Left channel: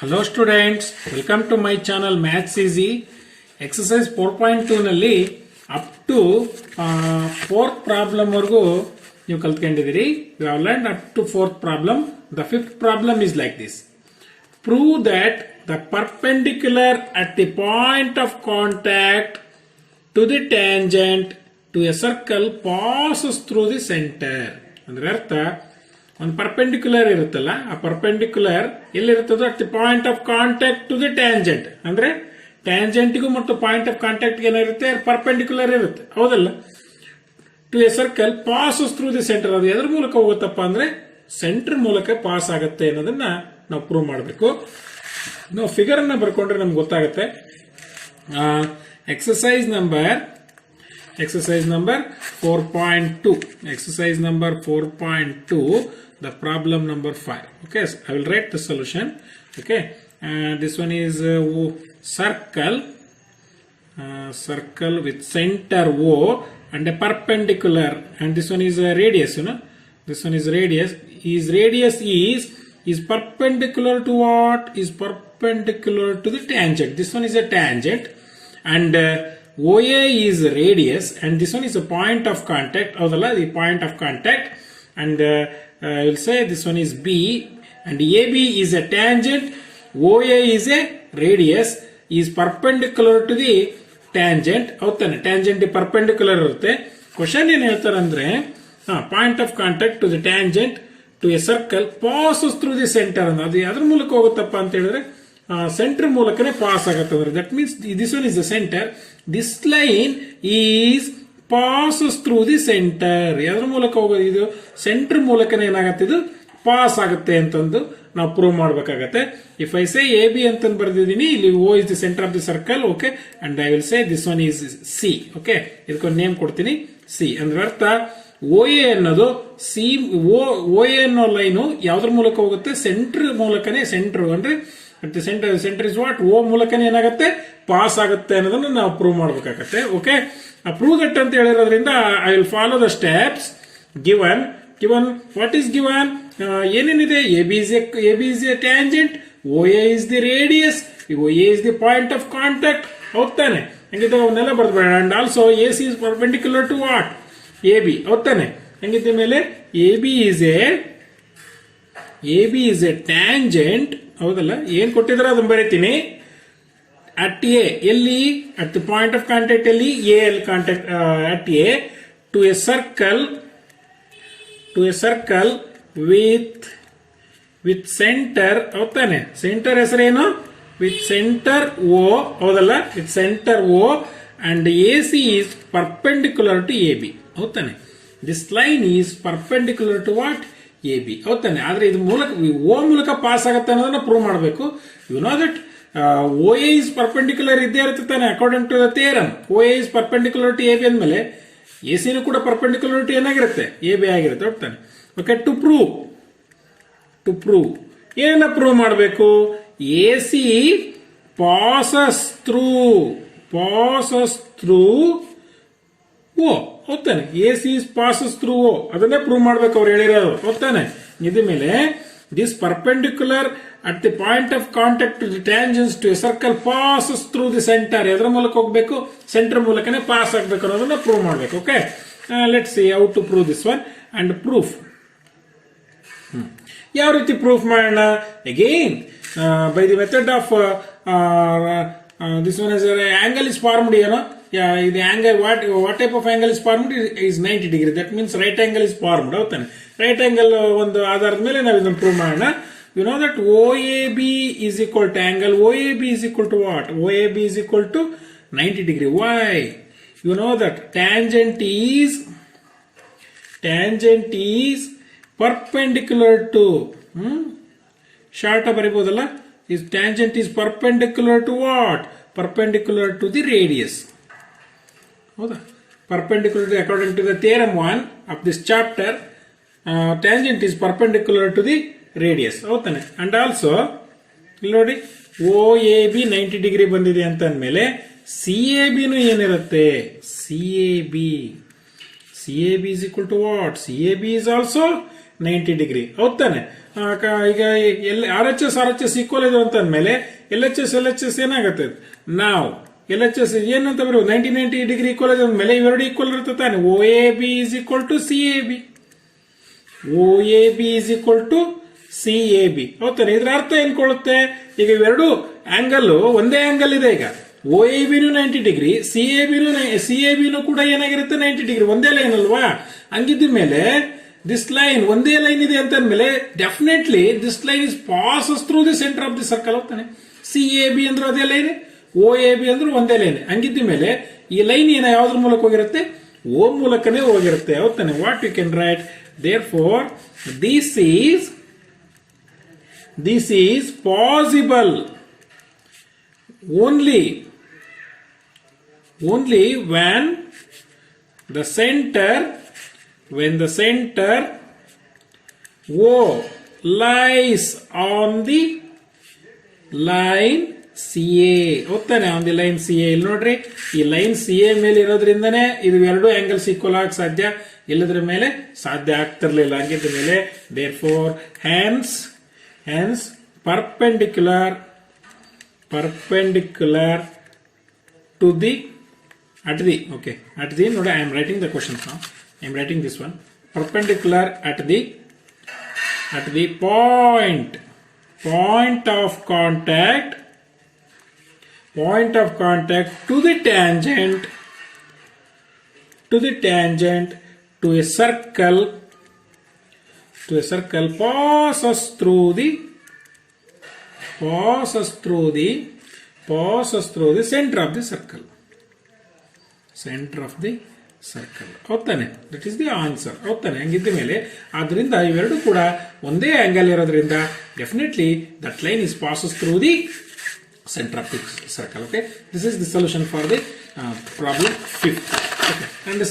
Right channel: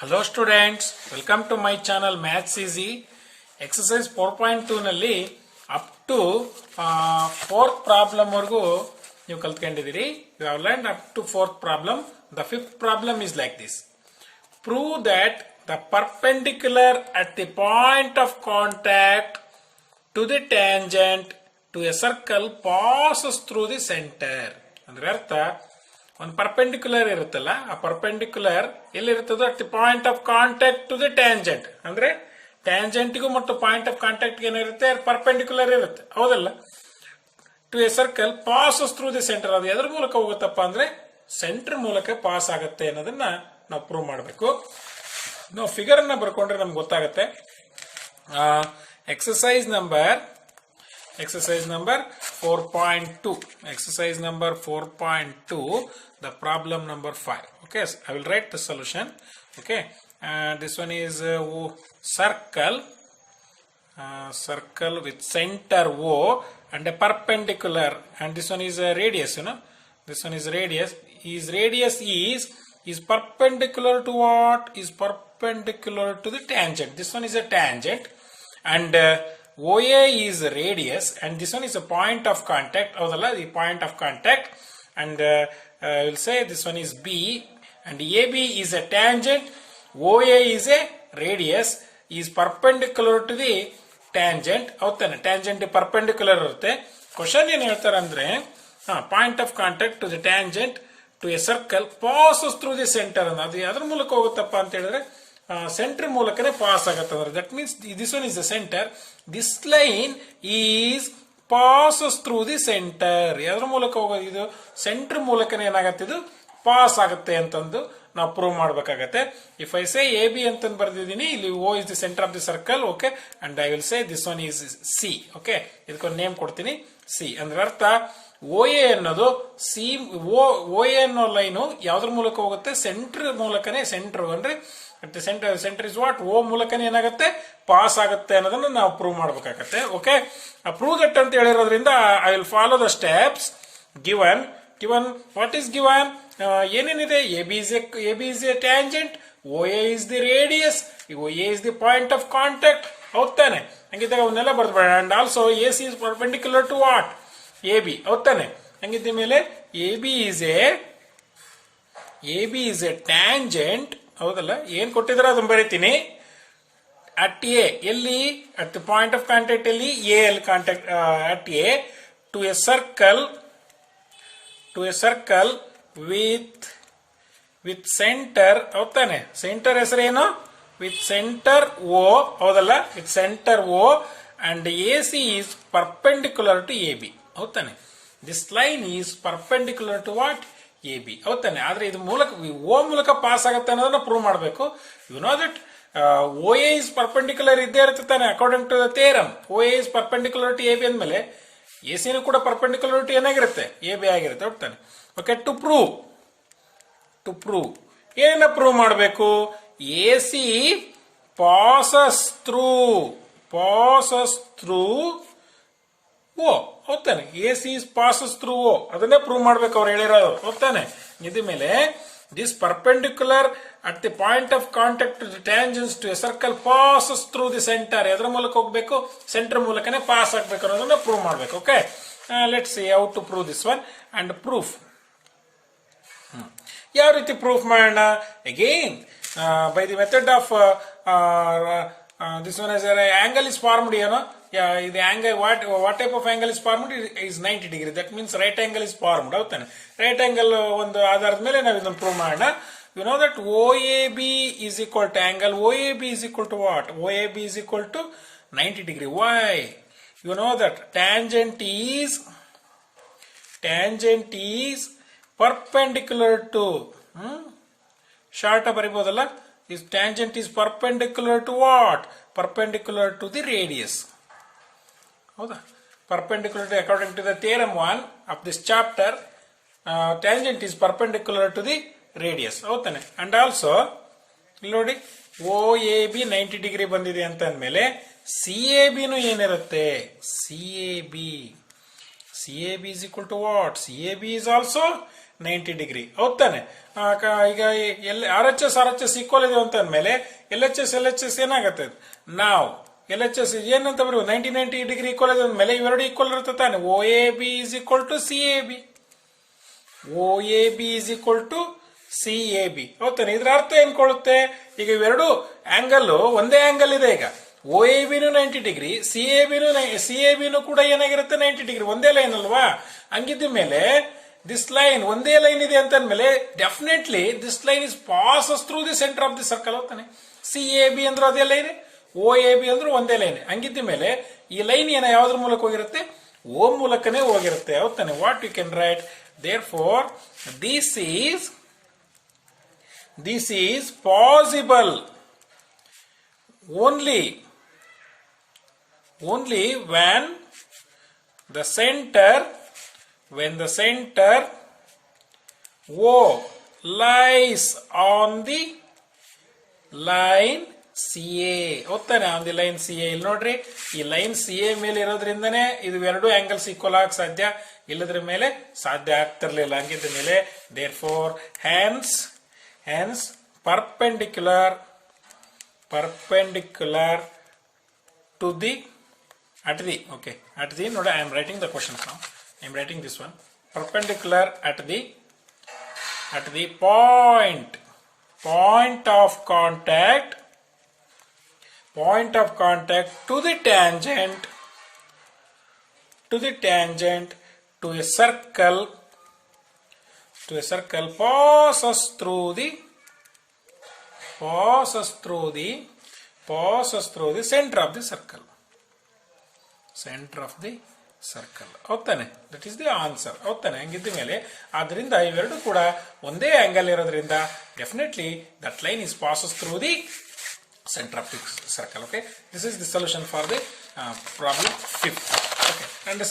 Hello students, welcome to my channel Maths Easy. Exercise 4.2 ನಲ್ಲಿ up to fourth problem ವರೆಗೂ ನೀವು ಕಲ್ತ್ಕೊಂಡಿದ್ದೀರಿ. You have learned up to fourth problem. The fifth problem is like this. Prove that the perpendicular at the point of contact to the tangent to a circle passes through the center. ಅಂದ್ರೆ ಅರ್ಥ ಒಂದು perpendicular ಇರುತ್ತಲ್ಲ, ಆ perpendicular ಎಲ್ಲಿರ್ತದೋ at the point of contact to the tangent, ಅಂದ್ರೆ ಟ್ಯಾಂಜೆಂಟ್ಗೂ ಮತ್ತು point of contact ಏನಿರುತ್ತೆ ಪರ್ಪೆಂಡಿಕ್ಯುಲರ್ ಇರುತ್ತೆ, ಹೌದಲ್ಲ. To a circle passes through the centre, ಅದು ಎದ್ರ ಮೂಲಕ ಹೋಗುತ್ತಪ್ಪ ಅಂದ್ರೆ ಸೆಂಟರ್ ಮೂಲಕ ಪಾಸ್ ಆಗುತ್ತೆ ಅನ್ನೋದನ್ನ ನಾವು ಪ್ರೂವ್ ಮಾಡಬೇಕು. ನಾವು ಫಿಗರ್ ಅನ್ನ ಬರ್ಕೊಂಡ್ರೆ ನಮ್ಗೆ ಗೊತ್ತಾಗುತ್ತೆ. Exercise number 4.2. Exercise number 4.2, the problem number 5. Okay, so I will write the solution. Okay, this one is circle with center O and a perpendicular, and this one is a radius. This one is radius. His radius is perpendicular to what? Is perpendicular to the tangent. This one is a tangent, and OA is radius, and this one is a point of contact. The point of contact, and I will say this one is B, and AB is a tangent. OA is a radius, is perpendicular to the tangent. ಹೌದಾನೆ, tangent perpendicular ಇರುತ್ತೆ. Question ಏನ್ ಹೇಳ್ತಾರೆ ಅಂದ್ರೆ point of contact to the tangent to a circle passes through the centre. ಅದು ಅದ್ರ ಮೂಲಕ ಹೋಗುತ್ತಪ್ಪ ಅಂತ ಹೇಳಿದ್ರೆ ಸೆಂಟರ್ ಮೂಲಕನೇ ಪಾಸ್ ಆಗುತ್ತೆ. ಅಂದ್ರೆ that means this one is the centre, this line is passes through the centre. ಯಾವ್ದ್ರ ಮೂಲಕ ಹೋಗೋದು? ಇದು ಸೆಂಟರ್ ಮೂಲಕನೇ ಏನಾಗತ್ತೆ, ಇದು ಪಾಸ್ ಆಗುತ್ತೆ ಅಂತಂದು ನಾವು ಪ್ರೂವ್ ಮಾಡಬೇಕಾಗತ್ತೆ. If I say A B ಅಂತ ಬರ್ದಿದ್ದೀನಿ, ಇಲ್ಲಿ O is the centre of the circle. Okay, and I will say this one is C. Okay, ಇದಕ್ಕೊಂದು ನೇಮ್ ಕೊಡ್ತೀನಿ, ಸಿ. ಅಂದ್ರೆ ಅರ್ಥ ಓ ಎ ಅನ್ನೋದು ಸಿ, ಓ ಎ ಅನ್ನೋ ಲೈನು ಯಾವ್ದ್ರ ಮೂಲಕ ಹೋಗುತ್ತೆ? ಸೆಂಟರ್ ಮೂಲಕನೇ. ಸೆಂಟರ್ ಅಂದ್ರೆ ಸೆಂಟರ್ ಇಸ್ ವಾಟ್? ಓ ಮೂಲಕನೇ ಏನಾಗುತ್ತೆ, ಪಾಸ್ ಆಗುತ್ತೆ ಅನ್ನೋದನ್ನ ನಾವು ಪ್ರೂವ್ ಮಾಡಬೇಕಾಗತ್ತೆ. ಓಕೆ, ಪ್ರೂವ್ ದಟ್ ಅಂತ ಹೇಳಿರೋದ್ರಿಂದ I will follow the steps given. What is given? ಏನೇನಿದೆ? A B is a tangent, O A is the radius, O A is the point of contact. ಹೌದಾನೆ? ಹಂಗಿದ್ದಾಗ ಅವನ್ನೆಲ್ಲ ಬರ್ದ್ಬೇಡ. And also A C is perpendicular to what? A B. ಹೌದಾನೆ? ಹಂಗಿದ್ದ ಮೇಲೆ A B is a tangent. ಹೌದಲ್ಲ? ಏನ್ ಕೊಟ್ಟಿದ್ರೆ ಅದನ್ನ ಬರೀತೀನಿ. ಅಟ್ ಎ, ಎಲ್ಲಿ? At the point of contact ಎಲ್ಲಿ? ಎ ಅಲ್ಲಿ contact at A to a circle with centre. ಹೌದಾನೆ? ಸೆಂಟರ್ ಹೆಸರೇನು? With centre O. ಹೌದಲ್ಲ? With centre O and A C is perpendicular to A B. ಹೌದಾನೆ? This line is perpendicular to what? A B. ಹೌದಾನೆ? ಆದ್ರೆ ಇದು ಮೂಲಕ ಓ ಮೂಲಕ pass ಆಗುತ್ತೆ ಅನ್ನೋದನ್ನ ಪ್ರೂವ್ ಮಾಡಬೇಕು. You know that O A is perpendicular ಇದ್ದೇ ಇರುತ್ತೆ ತಾನೆ, according to the theorem. O A is perpendicular to A B ಅಂದ್ಮೇಲೆ ಎ ಸಿನೂ ಕೂಡ ಪರ್ಪೆಂಡಿಕ್ಯುಲರ್ ಟು ಏನಾಗಿರುತ್ತೆ? ಎ ಬಿ ಆಗಿರುತ್ತೆ. ಹೌದಾನೆ? ಓಕೆ, ಟು ಪ್ರೂವ್ ಏನ ಪ್ರೂವ್ ಮಾಡಬೇಕು? A C passes through O. ಹೋಗ್ತಾನೆ? A C passes through O, ಅದನ್ನೇ ಪ್ರೂವ್ ಮಾಡ್ಬೇಕು ಅವ್ರು ಹೇಳಿರೋದು. ಹೋಗ್ತಾನೆ? ಇದ ಮೇಲೆ this perpendicular at the point of contact to the tangents to a circle passes through the centre. ಎದ್ರ ಮೂಲಕ ಹೋಗ್ಬೇಕು? ಸೆಂಟರ್ ಮೂಲಕನೇ ಪಾಸ್ ಆಗ್ಬೇಕು ಅನ್ನೋದನ್ನ ಪ್ರೂವ್ ಮಾಡ್ಬೇಕು. Okay, let's see how to prove this one and proof. ಯಾವ ರೀತಿ ಪ್ರೂಫ್ ಮಾಡೋಣ? Again by the method of this one is angle is formed. The angle, what type of angle is formed? Is 90 degree. That means right angle is formed. Right angle ಒಂದು ಆಧಾರದ ಮೇಲೆ ನಾವು ಇದನ್ನು prove ಮಾಡೋಣ. You know that OAB is equal to angle OAB is equal to what? OAB is equal to 90 degree. Why? You know that tangent is perpendicular to short ಬರೀಬಹುದಲ್ಲ? Is tangent is perpendicular to what? Perpendicular to the radius. ಹೌದಾ? Perpendicular to, according to the theorem 1 of this chapter, tangent is perpendicular to the radius. ಹೌದಾನೆ? And also ಇಲ್ಲಿ ನೋಡಿ, OAB 90 degree ಬಂದಿದೆ ಅಂತ ಅಂದ್ಮೇಲೆ CAB ನು ಏನಿರುತ್ತೆ? CAB is equal to what? CAB is also 90 degree ಹೌದಾನೆ. ಈಗ ಆರ್ ಎಚ್ ಎಸ್ ಈಕ್ವಲ್ ಇದೆ ಅಂತ ಅಂದ್ಮೇಲೆ ಎಲ್ ಎಚ್ ಎಸ್ ಏನಾಗುತ್ತೆ, ನಾವು ಎಲ್ ಎಚ್ ಎಸ್ ಏನಂತ ಬರೋದು 90 ಡಿಗ್ರಿ ಈಕ್ವಲ್ ಇದೆ ಅಂದ್ಮೇಲೆ ಇವೆರಡು ಈಕ್ವಲ್ ಇರುತ್ತೆ ತಾನೆ. O A B is equal to C A B, O A B is equal to C A B ಹೌದಾನೆ. ಇದ್ರ ಅರ್ಥ ಏನ್ ಕೊಡುತ್ತೆ, ಈಗ ಇವೆರಡು ಆಂಗಲ್ ಒಂದೇ ಆಂಗಲ್ ಇದೆ. ಈಗ ಓ ಎ ಬಿನು 90 ಡಿಗ್ರಿ, ಸಿ ಎ ಬಿನು ಕೂಡ ಏನಾಗಿರುತ್ತೆ 90 ಡಿಗ್ರಿ, ಒಂದೇ ಲೈನ್ ಅಲ್ವಾ. ಹಂಗಿದ್ದ ಮೇಲೆ ದಿಸ್ ಲೈನ್ ಒಂದೇ ಲೈನ್ ಇದೆ ಅಂತ ಅಂದ್ಮೇಲೆ definitely this line is passes through the centre of the circle ಹೋಗ್ತಾನೆ. ಸಿ ಎ ಬಿ ಅಂದ್ರೆ ಅದೇ ಲೈನ್, ಓ ಎ ಬಿ ಅಂದ್ರೆ ಒಂದೇ ಲೈನ್. ಹಂಗಿದ್ದ ಮೇಲೆ ಈ ಲೈನ್ ಯಾವ್ದ್ರ ಮೂಲಕ ಹೋಗಿರುತ್ತೆ, ಓ ಮೂಲಕನೇ ಹೋಗಿರುತ್ತೆ ಹೌದಾನೆ. What you can write therefore this is possible only when the center O lies on the line CA ಹೋಗ್ತಾನೆ, ಆನ್ ದಿ ಲೈನ್ CA. ಇಲ್ಲಿ ನೋಡ್ರಿ, ಈ ಲೈನ್ CA ಮೇಲೆ ಇರೋದ್ರಿಂದನೇ ಇದು ಎರಡು ಆಂಗಲ್ಸ್ ಈಕ್ವಲ್ ಆಗಕ್ಕೆ ಸಾಧ್ಯ, ಇಲ್ಲದ್ರ ಮೇಲೆ ಸಾಧ್ಯ ಆಗ್ತಿರ್ಲಿಲ್ಲ. ಹಂಗಿದ್ದ ಮೇಲೆ therefore hence perpendicular to the at the no, I am writing the questions now. I am writing this one. Perpendicular at the point of contact to the tangent to a circle passes through the center of the circle. ಹೌದಾನೆ, that is the answer ಹೌದಾನೆ. ಹಂಗಿದ್ದ ಮೇಲೆ ಆದ್ರಿಂದ ಇವೆರಡು ಕೂಡ ಒಂದೇ ಆಂಗಲ್ ಇರೋದ್ರಿಂದ definitely that line is passes through the center of the circle. Okay, this is the solution for the problem 5th. Okay, and the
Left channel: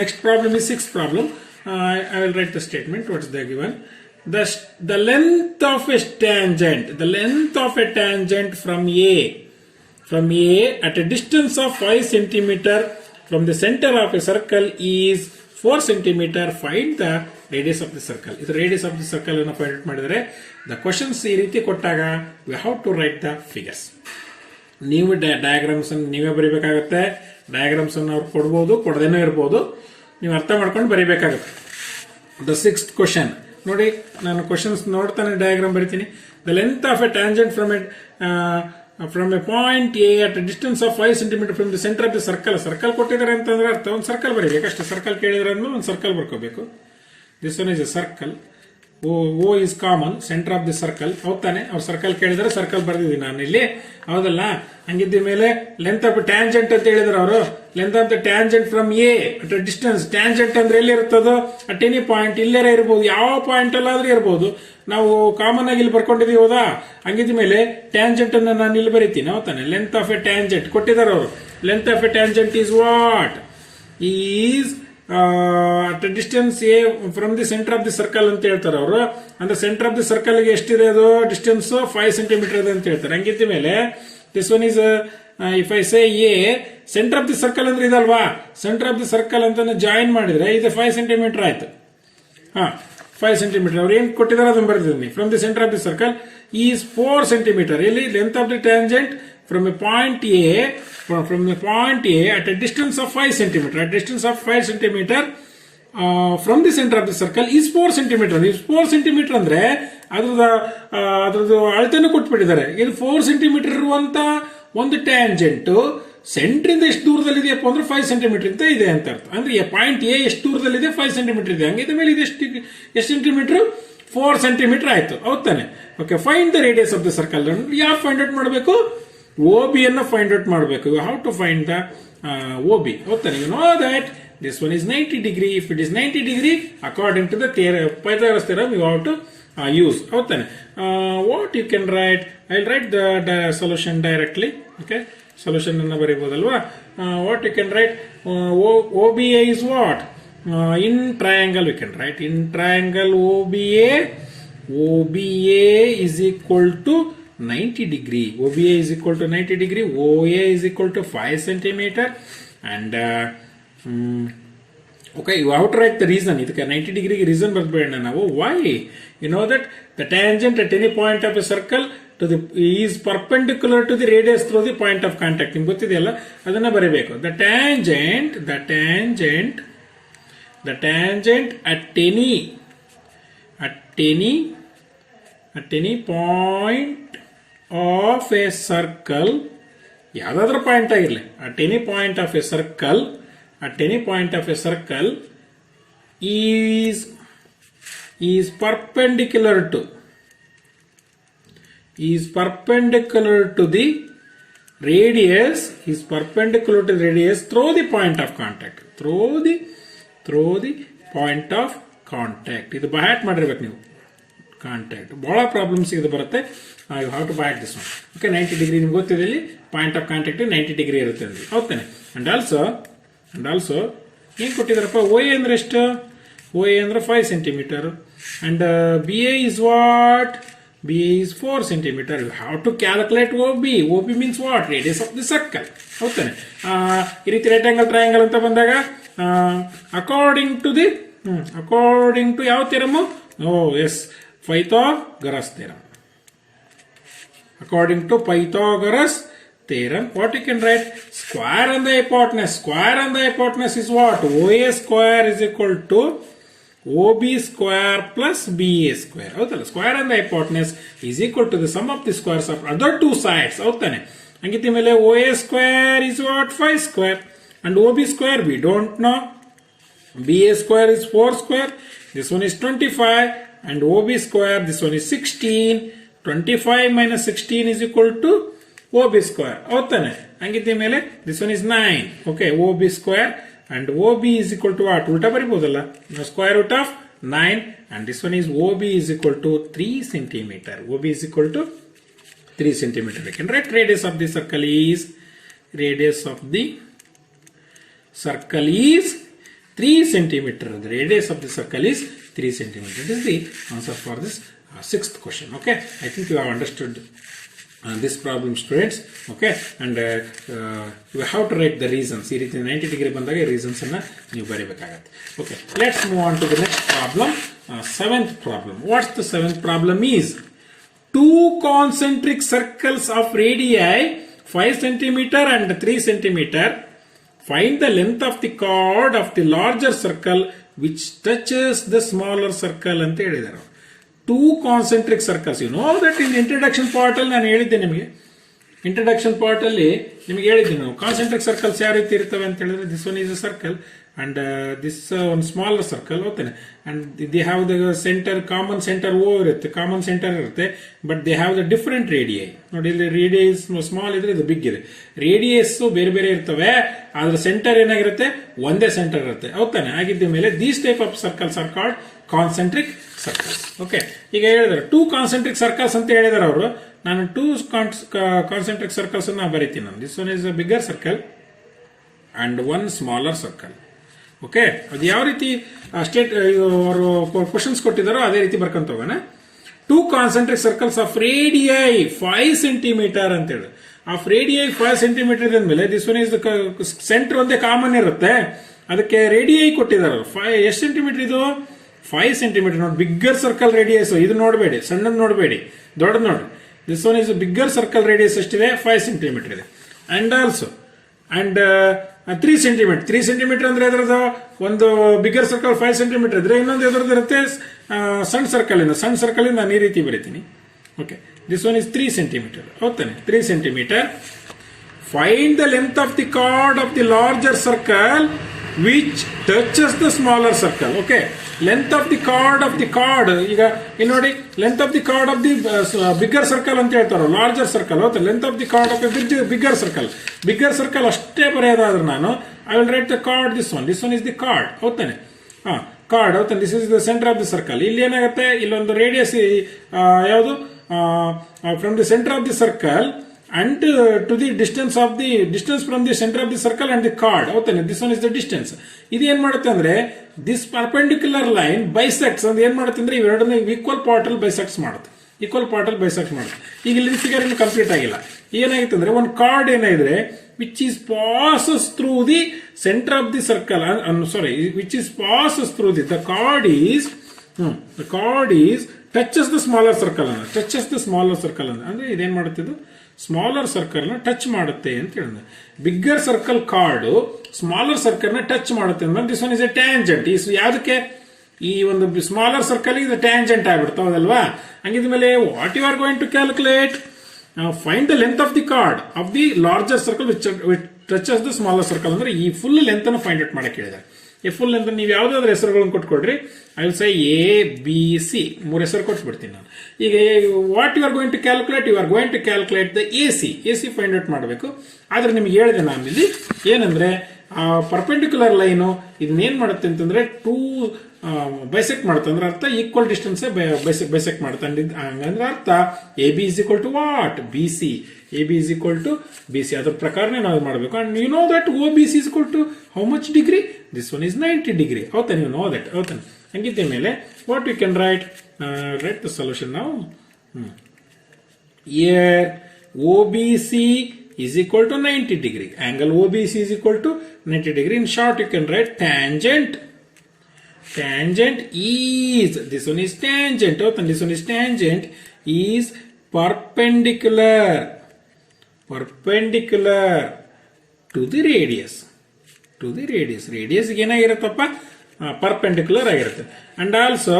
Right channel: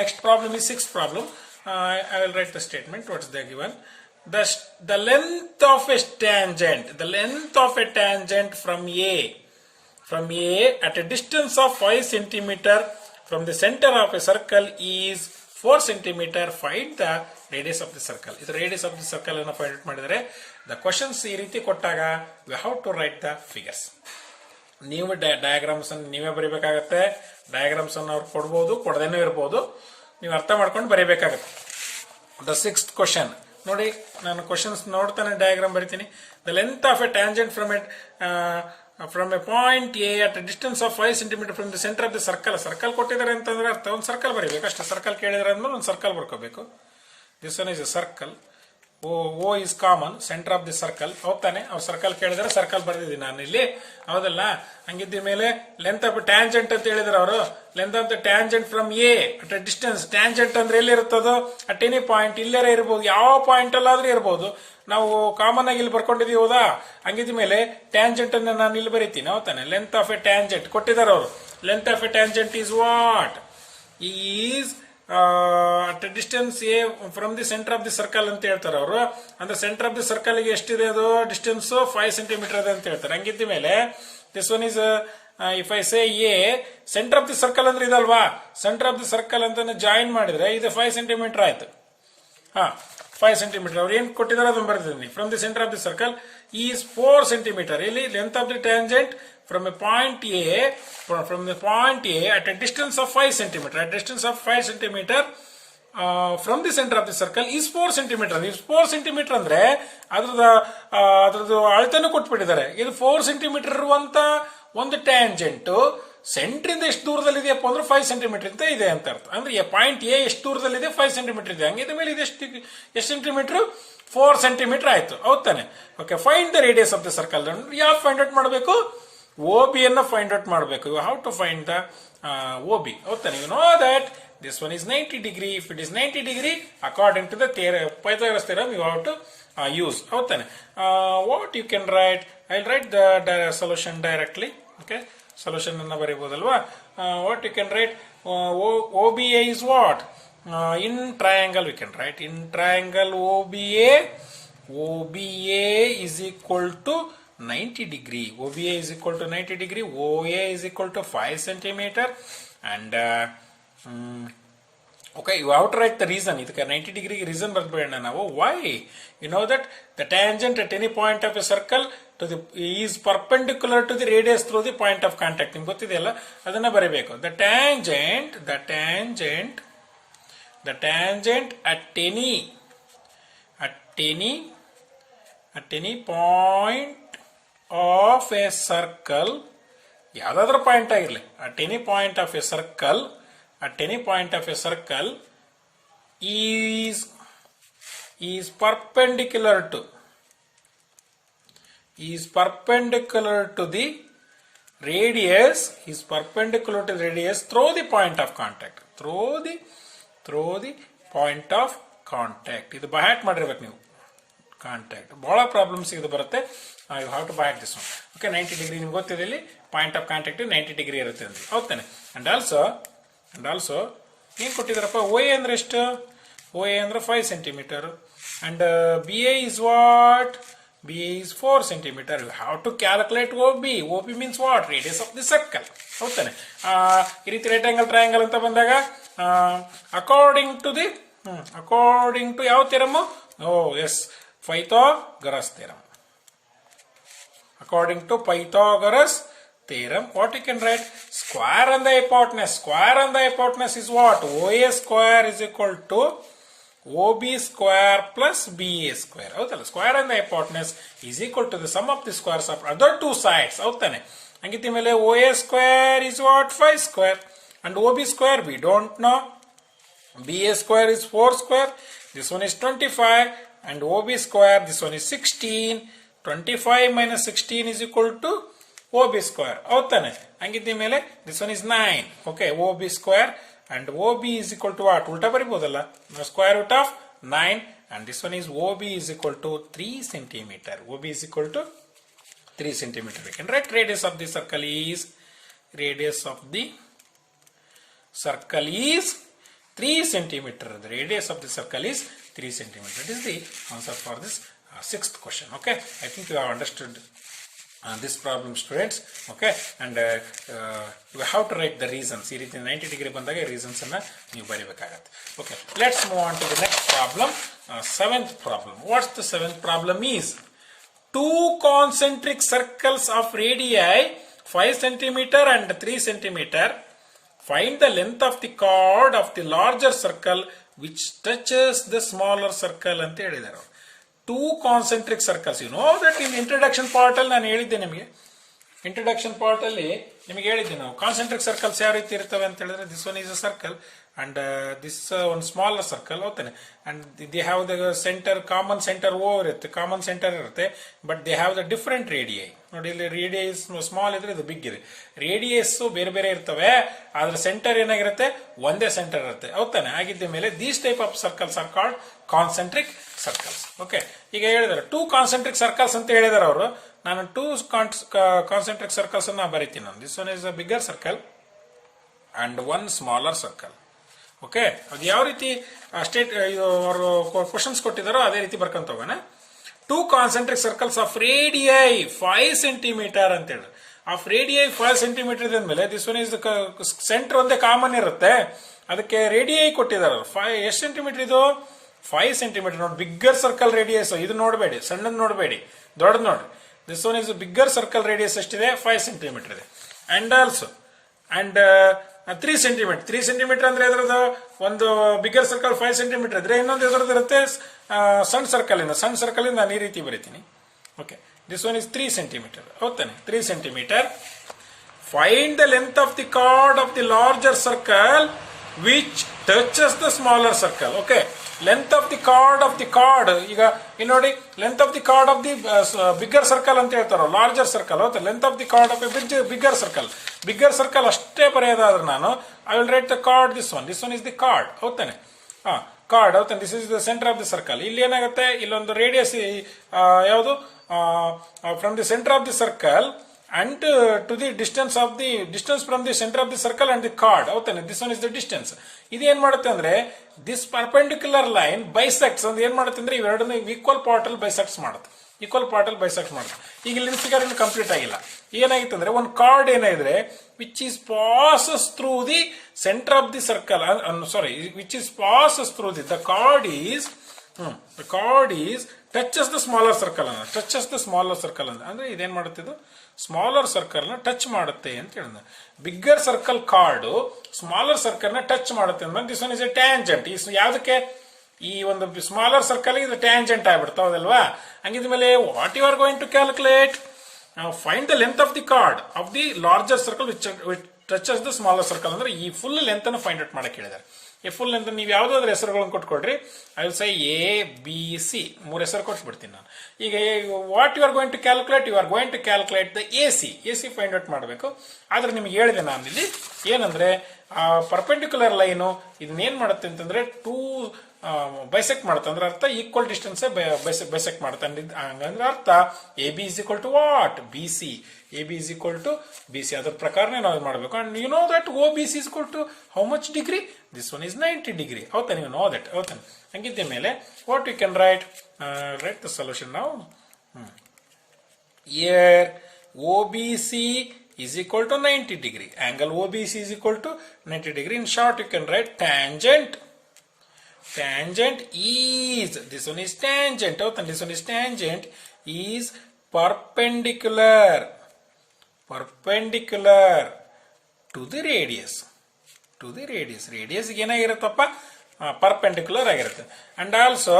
next problem is sixth problem. I will write the statement. What is the given? The length of a tangent from A at a distance of 5 centimeter from the center of a circle is 4 centimeter. Find the radius of the circle. This radius of the circle ಅನ್ನು find out ಮಾಡಿದರೆ the questions ಈ ರೀತಿ ಕೊಟ್ಟಾಗ we have to write the figures. ನೀವು diagrams ಅನ್ನು ನೀವೇ ಬರೀಬೇಕಾಗುತ್ತೆ. Diagrams ಅನ್ನು ಅವ್ರು ಕೊಡ್ಬೋದು, ಕೊಡದೇನೂ ಇರ್ಬೋದು, ನೀವು ಅರ್ಥ ಮಾಡ್ಕೊಂಡು ಬರೀಬೇಕಾಗುತ್ತೆ. The sixth question ನೋಡಿ, ನಾನು ಕ್ವಶನ್ಸ್ ನೋಡ್ತಾನೆ ಡಯಾಗ್ರಾಮ್ ಬರಿತೀನಿ. The length of A tangent from A point A at A distance of 5 centimeter from the centre of the circle ಕೊಟ್ಟಿದ್ದಾರೆ ಅಂತಂದ್ರೆ ಅರ್ಥ ಒಂದು ಸರ್ಕಲ್ ಬರೀಬೇಕು ಅಷ್ಟೇ. ಸರ್ಕಲ್ ಕೇಳಿದ್ರೆ ಅಂದ್ಮೇಲೆ ಒಂದು ಸರ್ಕಲ್ ಬರ್ಕೋಬೇಕು. This one is a circle. O is common, centre of the circle ಹೌದಾನೆ. ಅವ್ರು ಸರ್ಕಲ್ ಕೇಳಿದ್ರೆ ಸರ್ಕಲ್ ಬರ್ದಿದ್ದೀನಿ ನಾನು ಇಲ್ಲಿ, ಹೌದಲ್ಲ. ಹಂಗಿದ್ದ ಮೇಲೆ ಲೆಂತ್ ಆಫ್ ಟ್ಯಾಂಜೆಂಟ್ ಅಂತ ಹೇಳಿದ್ರೆ ಅವರು, length of the tangent from A at A distance. Tangent ಅಂದ್ರೆ ಎಲ್ಲಿರುತ್ತದೋ ಅಟ್ ಎನಿ ಪಾಯಿಂಟ್, ಇಲ್ಲೇ ಇರಬಹುದು, ಯಾವ ಪಾಯಿಂಟ್ ಅಲ್ಲಾದ್ರೂ ಇರಬಹುದು. ನಾವು ಕಾಮನ್ ಆಗಿ ಇಲ್ಲಿ ಬರ್ಕೊಂಡಿದೀವಿ ಹೌದಾ. ಹಂಗಿದ ಮೇಲೆ ಟ್ಯಾಂಜೆಂಟ್ ಅನ್ನು ನಾನು ಇಲ್ಲಿ ಬರೀತೀನಿ ಹೌದಾನೆ. ಲೆಂತ್ ಆಫ್ ಎ ಟ್ಯಾಂಜೆಂಟ್ ಕೊಟ್ಟಿದ್ದಾರೆ ಅವರು. Length of A tangent is what is at distance A from the centre of the circle ಅಂತ ಹೇಳ್ತಾರೆ ಅವರು. ಅಂದ್ರೆ ಸೆಂಟರ್ ಆಫ್ ದಿ ಸರ್ಕಲ್ ಗೆ ಎಷ್ಟಿದೆ ಅದು ಡಿಸ್ಟೆನ್ಸ್ 5 centimeter ಇದೆ ಅಂತ ಹೇಳ್ತಾರೆ. ಹಂಗಿದ್ದ ಮೇಲೆ this one is if I say A centre of the circle ಅಂದ್ರೆ ಇದಲ್ವಾ, ಸೆಂಟರ್ ಆಫ್ ದಿ ಸರ್ಕಲ್ ಅಂತ ಜಾಯಿನ್ ಮಾಡಿದ್ರೆ ಇದು 5 centimeter ಆಯ್ತು. 5 centimeter ಅವ್ರು ಏನ್ ಕೊಟ್ಟಿದ್ದಾರೆ ಅದನ್ನು ಬರ್ತಿದ್ದೀನಿ. From the centre of the circle is 4 centimeter. ಇಲ್ಲಿ length of the tangent from a point A at a distance of 5 centimeter. At distance of 5 centimeter from the center of the circle is 4 centimeter. Is 4 centimeter ಅಂದ್ರೆ ಅದ್ರದ್ದು ಅಳತೆನೂ ಕೊಟ್ಬಿಟ್ಟಿದ್ದಾರೆ. ಇದು 4 centimeter ಇರುವಂತ ಒಂದು tangent centre ಇಂದ ಎಷ್ಟು ದೂರದಲ್ಲಿದೆಯಪ್ಪ ಅಂದ್ರೆ 5 centimeter ಅಂತ ಇದೆ ಅಂತ ಅರ್ಥ. ಅಂದ್ರೆ ಪಾಯಿಂಟ್ ಎ ಎಷ್ಟು ದೂರದಲ್ಲಿದೆ 5 centimeter ಇದೆ. ಹಂಗಿದ ಮೇಲೆ ಇದು ಎಷ್ಟು ಸೆಂಟಿಮೀಟರ್ 4 centimeter ಆಯ್ತು ಹೌದಾನೆ. Okay, find the radius of the circle. ಯಾರು ಫೈಂಡ್ ಔಟ್ ಮಾಡಬೇಕು? OB ಅನ್ನು ಫೈಂಡ್ ಔಟ್ ಮಾಡಬೇಕು. How to find the OB ಹೌದಾನೆ. You know that this one is 90 degree. If it is 90 degree according to the Pythagoras theorem you have to use ಹೌದಾನೆ. What you can write, I'll write the solution directly. Okay, solution ಅನ್ನು ಬರೀಬಹುದಲ್ವಾ. What you can write, OBA is what? In triangle we can write in triangle OBA is equal to 90 degree. OBA is equal to 90 degree. OA is equal to 5 centimeter and Okay, you have to write the reason. ಇದಕ್ಕೆ 90 ಡಿಗ್ರಿಗೆ reason ಬರೆದ್ಬೇಡ ನಾವು. Why? You know that the tangent at any point of a circle to the is perpendicular to the radius through the point of contact. ನಿಮ್ಗೆ ಗೊತ್ತಿದೆಯಲ್ಲ, ಅದನ್ನ ಬರೀಬೇಕು. The tangent at any point of a circle, ಯಾವುದಾದ್ರೂ point ಆಗಿರಲಿ, at any point of a circle is perpendicular to the radius through the point of contact. ಇದು by heart ಮಾಡಿರ್ಬೇಕು ನೀವು. Contact ಬಹಳ problems ಇದು ಬರುತ್ತೆ. You have to by heart this one. Okay, 90 degree ನಿಮ್ಗೆ ಗೊತ್ತಿದೆ, ಇಲ್ಲಿ ಪಾಯಿಂಟ್ ಆಫ್ ಕಾಂಟ್ಯಾಕ್ಟ್ 90 ಡಿಗ್ರಿ ಇರುತ್ತೆ ಅಂದ್ರೆ ಹೌದಾನೆ. ಅಂಡ್ ಆಲ್ಸೋ ಏನು ಕೊಟ್ಟಿದ್ದಾರಪ್ಪ, ಓ ಎ ಅಂದ್ರೆ ಎಷ್ಟು? ಓ ಎ ಅಂದ್ರೆ 5 centimetre and B A is what? B A is 4 centimetre. You have to calculate O B. O B means what? Radius of the circle. ಹೌದಾನೆ. ಈ ರೀತಿ right angle triangle ಅಂತ ಬಂದಾಗ according to ಯಾವ theorem? Pythagoras theorem. According to Pythagoras theorem, what you can write? Square and the hypotenuse is what? OA square is equal to OB square plus BA square. Howtala? Square and the hypotenuse is equal to the sum of the squares of other two sides. Howtane? Hangiti mele OA square is what? 5 square. And OB square we don't know. BA square is 4 square. This one is 25. And OB square, this one is 16. 25 minus 16 is equal to OB square. Howtane? Hangiti mele this one is 9. Okay, OB square and OB is equal to what? Ulta baribodalla. Now square root of 9 and this one is OB is equal to 3 centimeter. OB is equal to 3 centimeter. We can write radius of the circle is 3 centimeter. The radius of the circle is 3 centimeter. This is the answer for this sixth question. Okay, I think you have understood this problem, students. Okay, and you have to write the reasons. ಈ ರೀತಿ 90 degree ಬಂದಾಗ reasons ಅನ್ನ ನೀವು ಬರೀಬೇಕಾಗತ್ತೆ. Okay, let's move on to the next problem. Seventh problem. What's the seventh problem is? Two concentric circles of radii 5 centimeter and 3 centimeter. Find the length of the chord of the larger circle which touches the smaller circle ಅಂತ ಹೇಳಿದ್ದಾರೆ. Two concentric circles. You know that in introduction part ಅಲ್ಲಿ ನಾನು ಹೇಳಿದ್ದೆ ನಿಮಗೆ. Introduction part ಅಲ್ಲಿ ನಿಮಗೆ ಹೇಳಿದ್ದೆ ನಾವು ಕಾನ್ಸೆಂಟ್ರಿಕ್ ಸರ್ಕಲ್ಸ್ ಯಾವ ರೀತಿ ಇರ್ತವೆ ಅಂತ ಹೇಳಿದ್ರೆ, this one is a circle and this one smaller circle ಹೋಗ್ತಾನೆ. and they have the center, common center O ಇರುತ್ತೆ, ಕಾಮನ್ ಸೆಂಟರ್ ಇರುತ್ತೆ, but they have the different radii. ನೋಡಿ, ಇಲ್ಲಿ ರೇಡಿಯಸ್ ಸ್ಮಾಲ್ ಇದ್ರೆ ಇದು ಬಿಗ್ ಇದೆ. ರೇಡಿಯಸ್ ಬೇರೆ ಬೇರೆ ಇರ್ತವೆ, ಆದ್ರೆ ಸೆಂಟರ್ ಏನಾಗಿರುತ್ತೆ, ಒಂದೇ ಸೆಂಟರ್ ಇರುತ್ತೆ. ಹೌದಾನೆ? ಆಗಿದ್ದ ಮೇಲೆ these type of circles are called concentric circles. Okay, ಈಗ ಹೇಳಿದಾರೆ ಟೂ ಕಾನ್ಸೆಂಟ್ರಿಕ್ ಸರ್ಕಲ್ಸ್ ಅಂತ ಹೇಳಿದಾರೆ ಅವರು. ನಾನು ಟೂ ಕಾನ್ಸೆಂಟ್ರಿಕ್ ಸರ್ಕಲ್ಸ್ ಅನ್ನ ಬರೀತೀನಿ ನಾನು. This one is a bigger circle and one smaller circle. Okay, ಅದು ಯಾವ ರೀತಿ ಸ್ಟೇಟ್ ಅವರು ಕ್ವಶನ್ಸ್ ಕೊಟ್ಟಿದ್ದಾರೋ ಅದೇ ರೀತಿ ಬರ್ಕೊಂತ ಹೋಗೋಣ. Two concentric circles of radii 5 centimetre ಅಂತ ಹೇಳಿ. ಆಫ್ ರೇಡಿಯೈ 5 ಸೆಂಟಿಮೀಟರ್ ಇದ್ಮೇಲೆ ದಿಸ್ ಒನ್ ಇಸ್ ಸೆಂಟರ್ ಒಂದೇ ಕಾಮನ್ ಇರುತ್ತೆ, ಅದಕ್ಕೆ ರೇಡಿಯೈ ಕೊಟ್ಟಿದ್ದಾರೆ. ಎಷ್ಟು ಸೆಂಟಿಮೀಟರ್ ಇದು? 5 ಸೆಂಟಿಮೀಟರ್. ನೋಡಿ, ಬಿಗ್ಗರ್ ಸರ್ಕಲ್ ರೇಡಿಯಸ್ ಇದು ನೋಡಬೇಡಿ, ಸಣ್ಣದ್ ನೋಡಬೇಡಿ, ದೊಡ್ಡದು ನೋಡ್ರಿ. This one is bigger circle radius ಎಷ್ಟಿದೆ? 5 ಸೆಂಟಿಮೀಟರ್ ಇದೆ. And also 3 centimetre. 3 ಸೆಂಟಿಮೀಟರ್ ಅಂದ್ರೆ ಎದ್ರದ್ದು ಒಂದು ಬಿಗ್ಗರ್ ಸರ್ಕಲ್ 5 ಸೆಂಟಿಮೀಟರ್ ಇದ್ರೆ ಇನ್ನೊಂದು ಎದ್ರದ್ದು ಇರುತ್ತೆ ಸಣ್ಣ ಸರ್ಕಲ್ ಇಂದ. ಸಣ್ಣ ಸರ್ಕಲ್ ಇಂದ ನಾನು ಈ ರೀತಿ ಬರೀತೀನಿ. Okay, this one is 3 centimetre. ಹೌದಾನೆ? 3 centimetre. Find the length of the chord of the larger circle which touches the smaller circle. Okay, length of the chord of the chord. ಈಗ ಇಲ್ಲಿ ನೋಡಿ, length of the chord of the bigger circle ಅಂತ ಹೇಳ್ತಾರೋ, larger circle. ಹೌದಾ? Length of the chord of bigger circle. Bigger circle ಅಷ್ಟೇ ಬರೆಯೋದಾದ್ರೆ ನಾನು I will write the chord. This one is the chord. ಹೌದಾನೆ? ಕಾರ್ಡ್. ಹೌದಾನೆ? This is the centre of the circle. ಇಲ್ಲಿ ಏನಾಗುತ್ತೆ, ಇಲ್ಲೊಂದು ರೇಡಿಯಸ್ ಯಾವುದು from the centre of the circle and to the distance from the center of the circle and the chord. ಹೌದಾನೆ? This one is the distance. ಇದು ಏನ್ ಮಾಡುತ್ತೆ ಅಂದ್ರೆ, this perpendicular line ಬೈಸೆಕ್ಟ್ಸ್ ಅಂದ್ರೆ ಏನ್ ಮಾಡುತ್ತೆ ಅಂದ್ರೆ, ಇವೆರಡನ್ನ ಈಕ್ವಲ್ ಪಾರ್ಟ್ ಅಲ್ಲಿ ಬೈಸೆಕ್ಟ್ಸ್ ಮಾಡುತ್ತೆ. ಈಕ್ವಲ್ ಪಾರ್ಟ್ ಅಲ್ಲಿ ಬೈಸೆಕ್ಟ್ ಮಾಡುತ್ತೆ. ಈಗ ಇಲ್ಲಿ ಫಿಗರ್ ಇನ್ನು ಕಂಪ್ಲೀಟ್ ಆಗಿಲ್ಲ. ಏನಾಗಿತ್ತು ಅಂದ್ರೆ ಒಂದು ಕಾರ್ಡ್ ಏನಾದ್ರೆ which is passes through the centre of the circle, sorry, which is passes through the the chord is touches the smaller circle ಅಂದ್ರೆ ಇದೇನ್ ಮಾಡುತ್ತೆ, ಇದು ಸ್ಮಾಲರ್ ಸರ್ಕಲ್ ನ ಟಚ್ ಮಾಡುತ್ತೆ ಅಂತ ಹೇಳಿದ್ರೆ, bigger circle chord smaller circle ನ ಟಚ್ ಮಾಡುತ್ತೆ ಅಂದ್ರೆ this one is a tangent. ಯಾವ್ದಕ್ಕೆ, ಈ ಒಂದು ಸ್ಮಾಲರ್ ಸರ್ಕಲ್ ಇದು ಟ್ಯಾಂಜೆಂಟ್ ಆಗ್ಬಿಡ್ತಾವದಲ್ವಾ. ಹಂಗಿದ್ಮೇಲೆ what you are going to calculate, find the length of the chord of the larger circle which touches the smaller circle ಅಂದ್ರೆ ಈ ಫುಲ್ ಲೆಂತ್ ಅನ್ನು find out ಮಾಡಕ್ಕೆ ಹೇಳಿದ್ದಾರೆ. ಈ ಫುಲ್ ಲೆಂತ್ ನೀವು ಯಾವ್ದಾದ್ರು ಹೆಸರುಗಳನ್ನು ಕೊಟ್ಕೊಡ್ರಿ, ಐ ವಿಲ್ ಸೇ ABC, 3 ಹೆಸರು ಕೊಟ್ಬಿಡ್ತೀನಿ ನಾನು. ಈಗ what you are going to calculate the AC find out ಮಾಡಬೇಕು. ಆದ್ರೆ ನಿಮ್ಗೆ ಹೇಳಿದೆ ನಾನು ಇಲ್ಲಿ ಏನಂದ್ರೆ ಪರ್ಪೆಂಡಿಕ್ಯುಲರ್ ಲೈನು ಇದನ್ನೇನ್ ಮಾಡುತ್ತೆ ಅಂತಂದ್ರೆ ಬೈಸೆಕ್ಟ್ ಮಾಡುತ್ತೆ ಅಂದ್ರೆ ಅರ್ಥ ಈಕ್ವಲ್ ಡಿಸ್ಟೆನ್ಸ್ ಬೈಸೆಕ್ಟ್ ಮಾಡುತ್ತೆ ಅಂದ್ರೆ ಅರ್ಥ AB is equal to what, BC. AB is equal to BC. ಅದ್ರ ಪ್ರಕಾರನೇ ನಾವು ಮಾಡಬೇಕು. And you know that OBC is equal to how much degree? This one is 90 degree. ಹೌದಾ, you know that. ಹೌದಾ, ಹಂಗಿದ್ದ ಮೇಲೆ what you can write the solution now. Here OBC is equal to 90 degree. Angle OBC is equal to 90 degree. In short, you can write tangent is, this one is tangent, this one is tangent is perpendicular to the radius. Radius ಏನಾಗಿರುತ್ತಪ್ಪ, perpendicular ಆಗಿರುತ್ತೆ. And also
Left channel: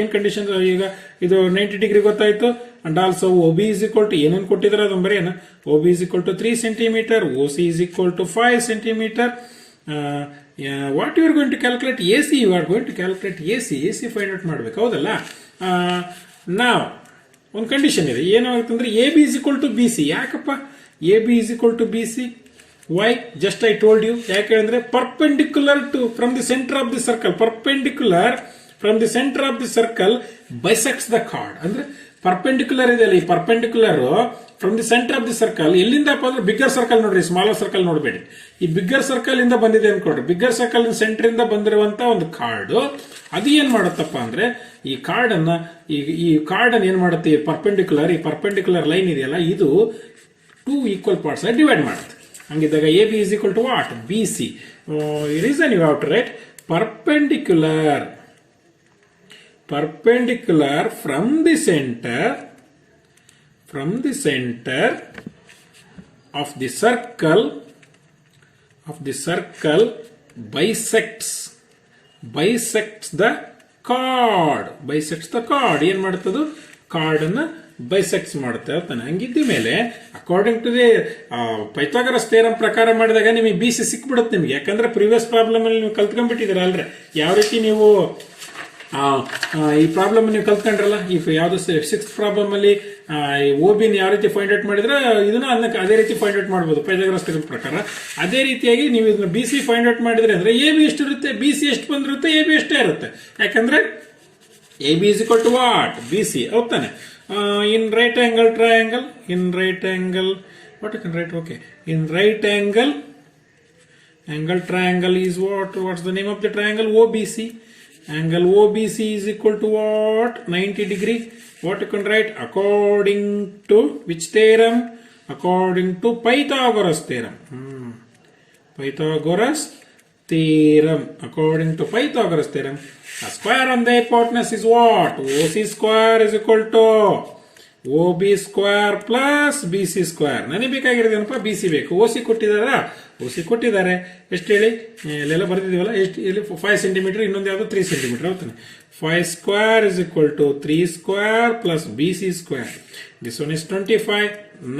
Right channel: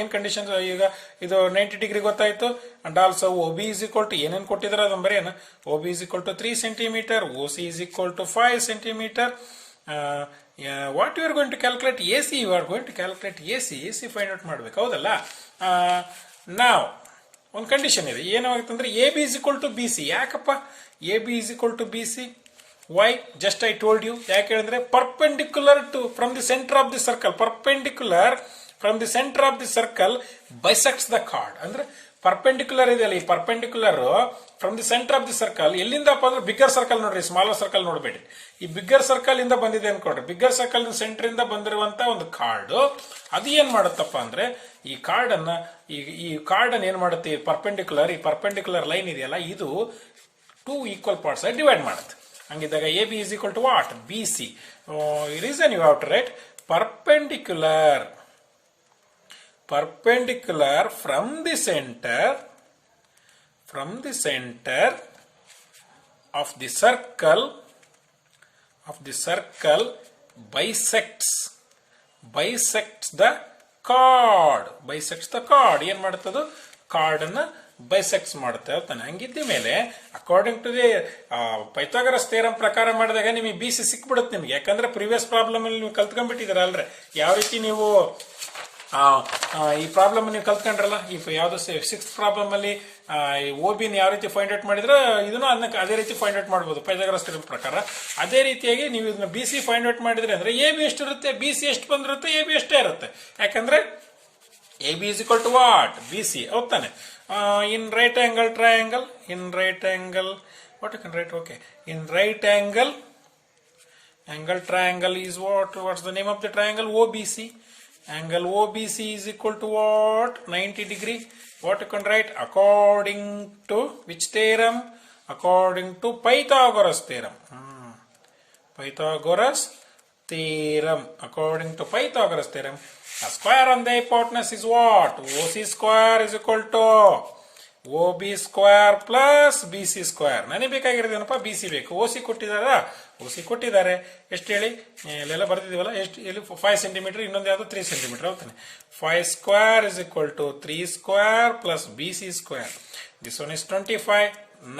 ಏನ್ condition, ಈಗ ಇದು 90 degree ಗೊತ್ತಾಯ್ತು. And also OB is equal to ಏನೇನು ಕೊಟ್ಟಿದ್ರೆ ಅದನ್ನ ಬರೆಯೋಣ. OB is equal to 3 centimeter, OC is equal to 5 centimeter. What you are going to calculate AC, you are going to calculate AC find out ಮಾಡ್ಬೇಕು, ಹೌದಲ್ಲ. ನಾವು ಒಂದು condition ಇದೆ, ಏನಾಗುತ್ತಂದ್ರೆ AB is equal to BC. ಯಾಕಪ್ಪ AB is equal to BC? Why? Just I told you. ಯಾಕೆ ಅಂದ್ರೆ perpendicular to from the center of the circle bisects the chord. ಅಂದ್ರೆ perpendicular ಇದೆಯಲ್ಲ, ಈ perpendicular from the centre of the circle ಎಲ್ಲಿಂದಪ್ಪ ಅಂದ್ರೆ bigger circle ನೋಡ್ರಿ, smaller circle ನೋಡಬೇಡಿ. ಈ ಬಿಗ್ಗರ್ ಸರ್ಕಲ್ ಇಂದ ಬಂದಿದೆ ಅನ್ಕೊಡ್ರಿ. ಬಿಗ್ಗರ್ ಸರ್ಕಲ್ ಸೆಂಟರ್ ಇಂದ ಬಂದಿರುವಂತ ಒಂದು ಕಾರ್ಡ್ ಅದು ಏನ್ ಮಾಡುತ್ತಪ್ಪ ಅಂದ್ರೆ ಈ ಕಾರ್ಡ್ ಅನ್ನ ಏನ್ ಮಾಡುತ್ತೆ, ಈ ಪರ್ಪೆಂಡಿಕ್ಯುಲರ್ ಲೈನ್ ಇದೆಯಲ್ಲ, ಇದು 2 ಈಕ್ವಲ್ ಪಾರ್ಟ್ಸ್ ಡಿವೈಡ್ ಮಾಡುತ್ತೆ. ಹಂಗಿದ್ದಾಗ AB is equal to what, BC. Reason you have to write perpendicular from the center of the circle bisects the chord. ಏನ್ ಮಾಡುತ್ತದು, ಕಾರ್ಡ್ ಅನ್ನ ಬೈಸೆಕ್ಟ್ಸ್ ಮಾಡುತ್ತೆ ಅಂತಾನೆ. ಹಂಗಿದ್ದ ಮೇಲೆ according to the Pythagoras theorem ಪ್ರಕಾರ ಮಾಡಿದಾಗ ನಿಮಗೆ BC ಸಿಕ್ಬಿಡುತ್ತೆ ನಿಮಗೆ. ಯಾಕಂದ್ರೆ ಪ್ರೀವಿಯಸ್ ಪ್ರಾಬ್ಲಮ್ ಅಲ್ಲಿ ನೀವು ಕಲ್ತ್ಕೊಂಡ್ಬಿಟ್ಟಿದ್ದೀರ ಅಲ್ರಿ, ಯಾವ ರೀತಿ ನೀವು ಈ ಪ್ರಾಬ್ಲಮ್ ನೀವು ಕಲ್ತ್ಕೊಂಡ್ರಲ್ಲ. ಈ ಯಾವ್ದು 6th ಪ್ರಾಬ್ಲಮ್ ಅಲ್ಲಿ OB ಯಾವ ರೀತಿ ಫೈಂಡ್ ಔಟ್ ಮಾಡಿದ್ರೆ ಇದನ್ನು ಅದೇ ರೀತಿ ಫೈಂಡ್ ಔಟ್ ಮಾಡಬಹುದು ಪೈಥಾಗರಸ್ ಥಿಯರಂ ಪ್ರಕಾರ. ಅದೇ ರೀತಿಯಾಗಿ ನೀವು ಇದನ್ನ BC ಫೈಂಡ್ ಔಟ್ ಮಾಡಿದ್ರೆ ಅಂದ್ರೆ AB ಎಷ್ಟು ಇರುತ್ತೆ, BC ಎಷ್ಟು ಬಂದಿರುತ್ತೆ, AB ಎಷ್ಟೇ ಇರುತ್ತೆ. ಯಾಕಂದ್ರೆ AB is equal to what, BC. ಹೌದಾನೆ. In right angle triangle, what you can write, okay, in right angle triangle is what's the name of the triangle, OBC. Angle OBC is equal to what, 90 degree. What you can write, according to which theorem, according to Pythagoras theorem. According to Pythagoras theorem, a square on the hypotenuse is what, OC square is equal to OB square plus BC square. ನನಗೆ ಬೇಕಾಗಿರೋದೇನಪ್ಪ, BC ಬೇಕು. OC ಕೊಟ್ಟಿದ್ದಾರೆ ಎಷ್ಟು ಹೇಳಿ, ಇಲ್ಲೆಲ್ಲ ಬರ್ತಿದೀವಲ್ಲ, ಎಷ್ಟು ಇಲ್ಲಿ 5 centimetre, ಇನ್ನೊಂದು ಯಾವುದು 3 centimetre. ಹೌದಾನೆ. 5 square is equal to 3 square plus BC square. This one is 25,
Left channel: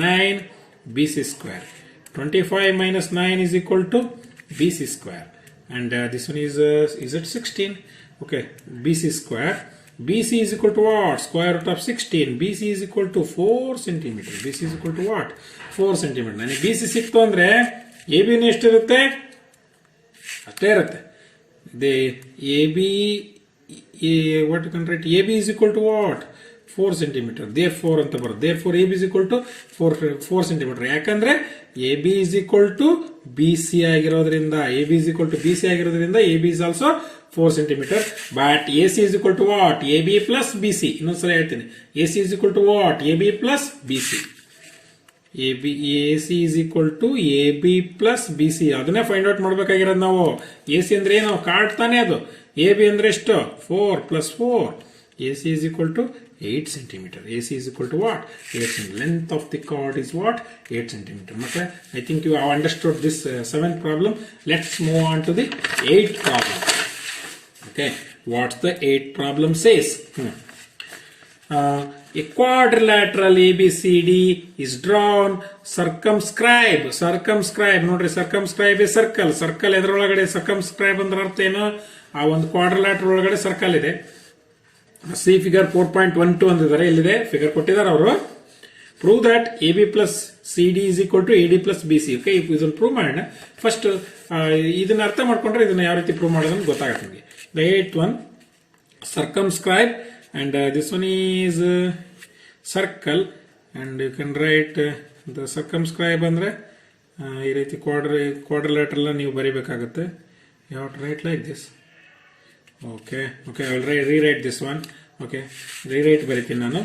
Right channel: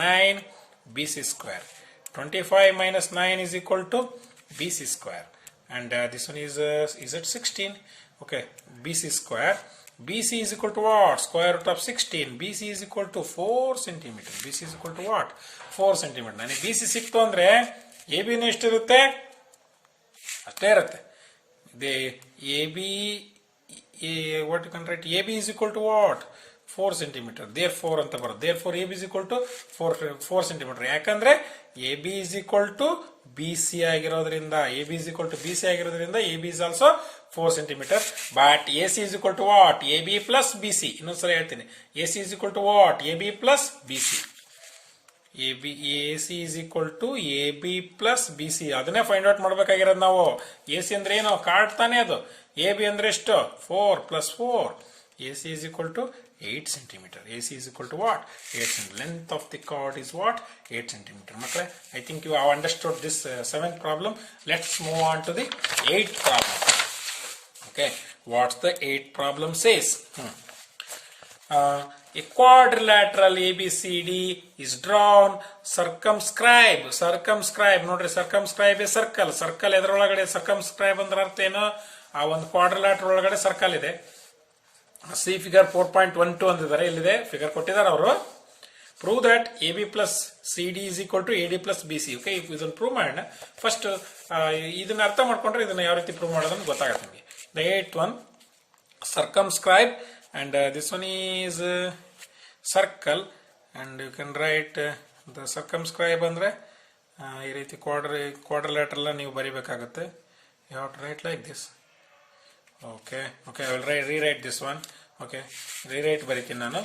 9 BC square. 25 minus 9 is equal to BC square. And this one is it 16? Okay, BC square. BC is equal to what? Square root of 16. BC is equal to 4 centimeter. BC is equal to what? 4 centimeter. ನನಗೆ BC ಸಿಕ್ತು ಅಂದ್ರೆ AB ಎಷ್ಟಿರುತ್ತೆ, ಅಷ್ಟೇ ಇರುತ್ತೆ. AB, what you can write, AB is equal to what? 4 centimeter. Therefore ಅಂತ ಬರುತ್ತೆ. Therefore AB is equal to 4 centimeter. ಯಾಕಂದ್ರೆ AB is equal to BC ಆಗಿರೋದ್ರಿಂದ AB is equal to BC ಆಗಿರೋದ್ರಿಂದ AB is also 4 centimeter. But AC is equal to what? AB plus BC. ಇನ್ನೊಂದ್ಸಲ ಹೇಳ್ತೀನಿ. AC is equal to what? AB plus BC. AC is equal to AB plus BC. ಅದನ್ನೇ find out ಮಾಡ್ಬೇಕಾಗಿರೋದು ನಾವು. AC ಅಂದ್ರೆ ಏನು? Card ತಾನೇ ಅದು. AB ಅಂದ್ರೆ ಎಷ್ಟು? 4 plus 4. AC is equal to 8 centimeter. AC is equal to what? 8 centimeter. Length of the cord is what? 8 centimeter. Okay? I think you have understood this 7th problem. Let's move on to the 8th problem. Okay. What's the 8th problem says? A quadrilateral ABCD is drawn. Circumscribe. ನೋಡ್ರಿ, circumscribe a circle. Circle ಎದರೊಳಗಡೆ circumscribe ಅಂದ್ರೆ ಅರ್ಥ ಏನು? ಆ ಒಂದು ಕ್ವಾಡ್ರಿಲ್ಯಾಟರ್ ಒಳಗಡೆ circle ಇದೆ. C figure 4.12 ಅಂದಿದ್ದಾರೆ. ಇಲ್ಲಿದೆ ಫಿಗರ್ ಕೊಟ್ಟಿದ್ದಾರೆ ಅವರು. Prove that AB plus CD is equal to AD plus BC. Okay, ಇದನ್ನು ಪ್ರೂವ್ ಮಾಡೋಣ. ಫಸ್ಟ್ ಇದನ್ನ ಅರ್ಥ ಮಾಡ್ಕೊಂಡ್ರೆ ಇದನ್ನ ಯಾವ ರೀತಿ ಪ್ರೂವ್ ಮಾಡೋದು ಗೊತ್ತಾಗುತ್ತೆ ನಿಮಗೆ. The 8th one, circumscribe, and this one is circle, and you can write the circumscribe ಅಂದ್ರೆ ಈ ರೀತಿ ಕ್ವಾಡ್ರಿಲ್ಯಾಟರಲ್ ನೀವು ಬರಿಬೇಕಾಗುತ್ತೆ. You have to write like this. Okay, I will rewrite this one. Okay, rewrite ಬರಿತೀನಿ ನಾನು.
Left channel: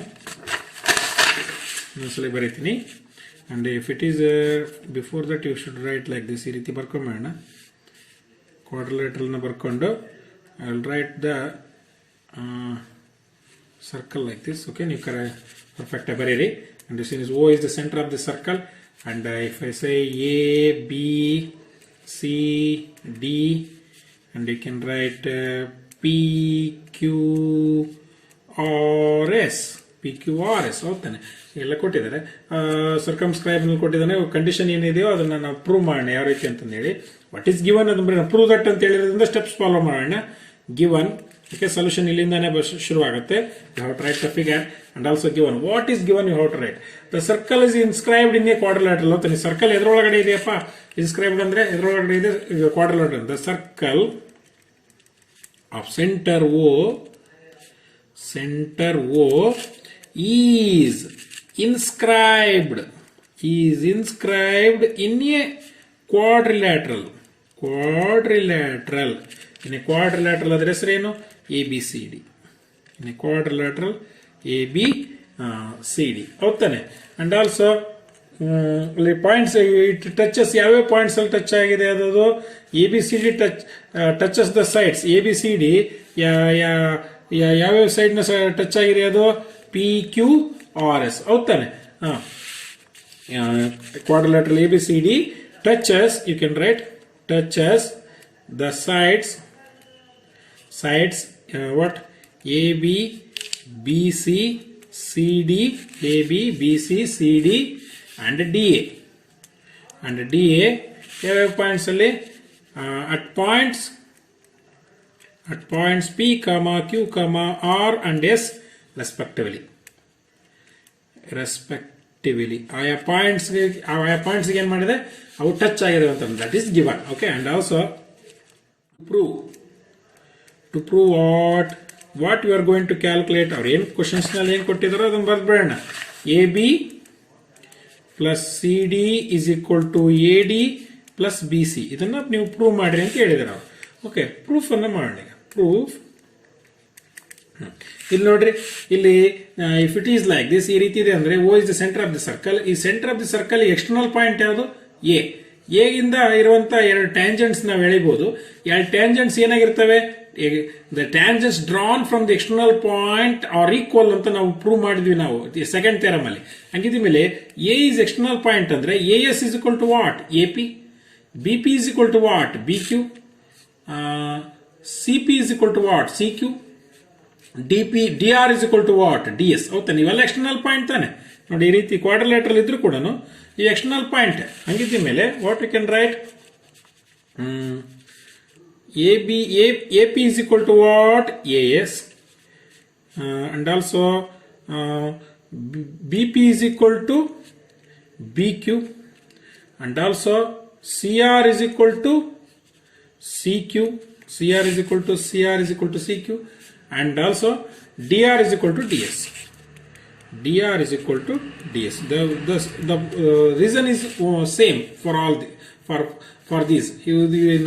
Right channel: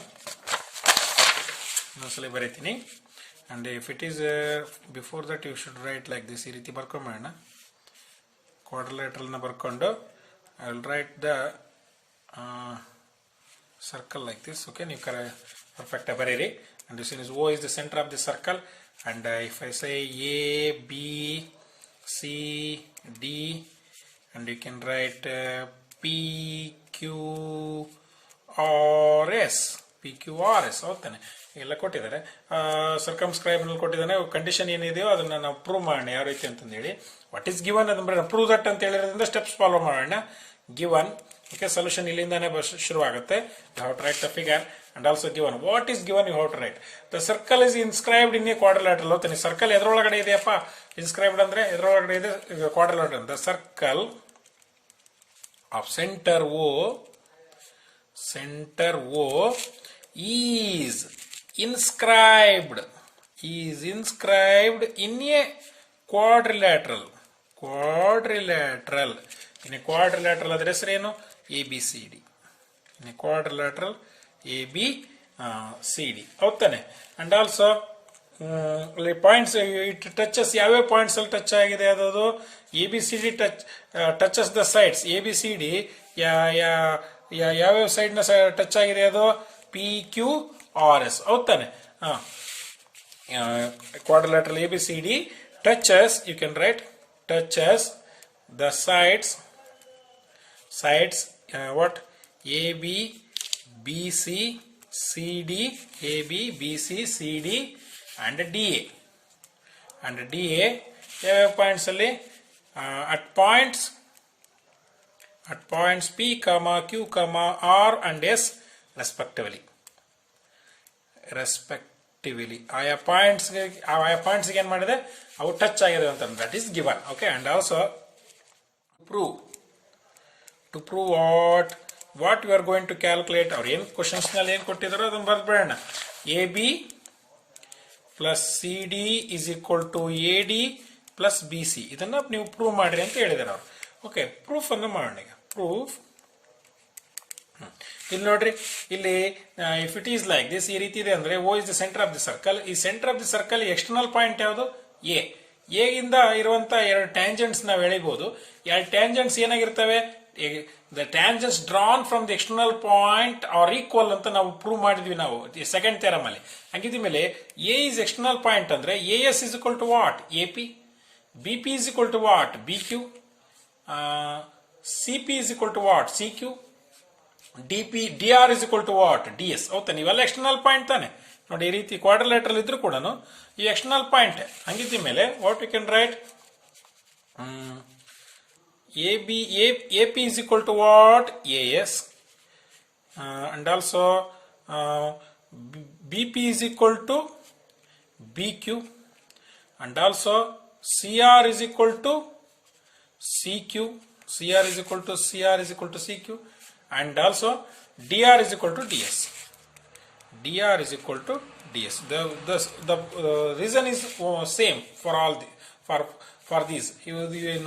ಇನ್ನೊಂದ್ಸಲ ಬರಿತೀನಿ. And if it is before that you should write like this. ಈ ರೀತಿ ಬರ್ಕೊಂಬೇಡ. ಕ್ವಾಡ್ರಿಲ್ಯಾಟರಲ್ನ ಬರ್ಕೊಂಡು I will write the circle like this. Okay, ನೀವು perfect ಬರೀರಿ. And this is O is the center of the circle. And if I say A, B, C, D, and you can write P, Q, R, S. ಹೌದಾನೆ, ಎಲ್ಲ ಕೊಟ್ಟಿದ್ದಾರೆ. ಸರ್ಕಮ್ಸ್ಕ್ರೈಬ್ ಕೊಟ್ಟಿದ್ದಾನೆ. Condition ಏನಿದೆಯೋ ಅದನ್ನ ನಾವು prove ಮಾಡೋಣ ಯಾವ ರೀತಿ ಅಂತಂದೇಳಿ. ವಾಟ್ ಈಸ್ ಗಿವನ್ ಅದನ್ನ ಪ್ರೂವ್ ದಟ್ ಅಂತ ಹೇಳಿರೋದ್ರಿಂದ ಸ್ಟೆಪ್ಸ್ ಫಾಲೋ ಮಾಡೋಣ. ಗಿವನ್, ಓಕೆ, ಸೊಲ್ಯೂಷನ್ ಇಲ್ಲಿಂದಾನೆ ಶುರುವಾಗುತ್ತೆ. You have to write the figure and also given. What is given you have to write. The circle is inscribed in a quadrilateral. ಹೋಗ್ತಾನೆ, circle ಎದ್ರೊಳಗಡೆ ಇದೆಯಪ್ಪ? Inscribed ಅಂದ್ರೆ ಎದ್ರೊಳಗಡೆ ಇದೆ quadrilateral. The circle of center O is inscribed in a quadrilateral. In a quadrilateral ಅದರ ಹೆಸರೇನು? ABCD. In a quadrilateral ABCD. ಹೌದಾನೆ. And also points it touches. ಯಾವ್ಯಾವ ಪಾಯಿಂಟ್ಸ್ ಅಲ್ಲಿ ಟಚ್ ಆಗಿದೆ ಅದು? ABCD touches the sides. ABCD ಯಾವ್ಯಾವ side ನ touch ಆಗಿದೆ ಅದು? PQRS. ಹೌದಾನೆ. Quadrilateral ABCD touches, you can write touches the sides what? AB, BC, CD, AB, BC, CD and DA. And DA ಯಾವ ಪಾಯಿಂಟ್ಸ್ ಅಲ್ಲಿ? at points P, Q, R and S respectively. ಆಯಾ points ಏನ್ ಮಾಡಿದೆ? ಅವು touch ಆಗಿದೆ ಅಂತ. That is given. Okay, and also to prove what you are going to calculate. ಅವ್ರು ಏನು ಕ್ವಶನ್ಸ್ ನಲ್ಲಿ ಏನ್ ಕೊಟ್ಟಿದಾರೋ ಅದನ್ನ ಬರ್ದ್ಬೇಡ. AB plus CD is equal to AD plus BC. ಇದನ್ನ ನೀವು ಪ್ರೂವ್ ಮಾಡ್ರಿ ಅಂತ ಹೇಳಿದಾರೆ ಅವ್ರು. ಓಕೆ, ಪ್ರೂಫ್ ಅನ್ನ ಮಾಡೋಣ. ಪ್ರೂಫ್ ಇಲ್ಲಿ ನೋಡ್ರಿ, ಇಲ್ಲಿ if it is like this, ಈ ರೀತಿ ಇದೆ ಅಂದ್ರೆ O is the centre of the circle. ಈ centre of the circle external point ಯಾವುದು? A ಇಂದ ಇರುವಂತ ಎರಡು ಟ್ಯಾಂಜೆಂಟ್ಸ್ ನಾವು ಎಳಿಬಹುದು. ಎರಡು ಟ್ಯಾಂಜೆಂಟ್ಸ್ ಏನಾಗಿರ್ತವೆ? The tangents drawn from the external point are equal ಅಂತ ನಾವು ಪ್ರೂವ್ ಮಾಡಿದ್ವಿ ನಾವು ಸೆಕೆಂಡ್ ಥಿಯರಮ್ ಅಲ್ಲಿ. ಹಂಗಿದ ಮೇಲೆ A ಇಸ್ ಎಕ್ಸ್ಟರ್ನಲ್ ಪಾಯಿಂಟ್ ಅಂದ್ರೆ AS is equal to what? AP. BP is equal to what? BQ. CP is equal to what? CQ. DR is equal to what? DS. ಹೌದಾ, ನೀವೆಲ್ಲ external point ತಾನೆ. ನೋಡಿ, ಈ ರೀತಿ ಕ್ವಾಡ್ರಿಲ್ಯಾಟರಲ್ ಇದ್ರೂ ಕೂಡ ಈ ಎಕ್ಸ್ಟರ್ನಲ್ ಪಾಯಿಂಟ್. ಹಂಗಿದ್ದ ಮೇಲೆ what you can write? AP is equal to what? AS. And also BP is equal to BQ. And also CR is equal to CQ. CR is equal to CQ. And also DR is equal to DS. dr is equal to ds. The reason is same for all for these. ಈ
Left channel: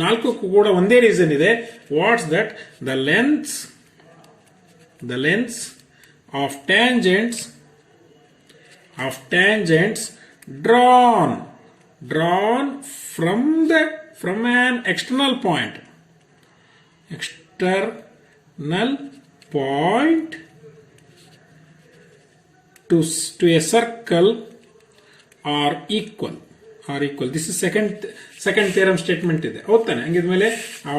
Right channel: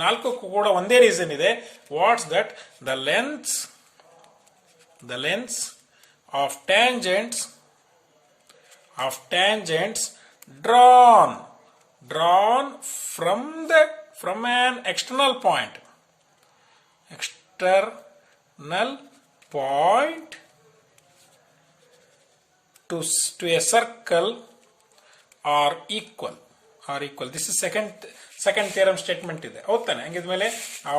ನಾಲ್ಕಕ್ಕೂ ಕೂಡ ಒಂದೇ reason ಇದೆ. What's that? the lengths of tangents drawn from an external point to a circle are equal. This is second theorem statement ಇದೆ. ಹೌದಾನೆ? ಹಂಗಿದ್ಮೇಲೆ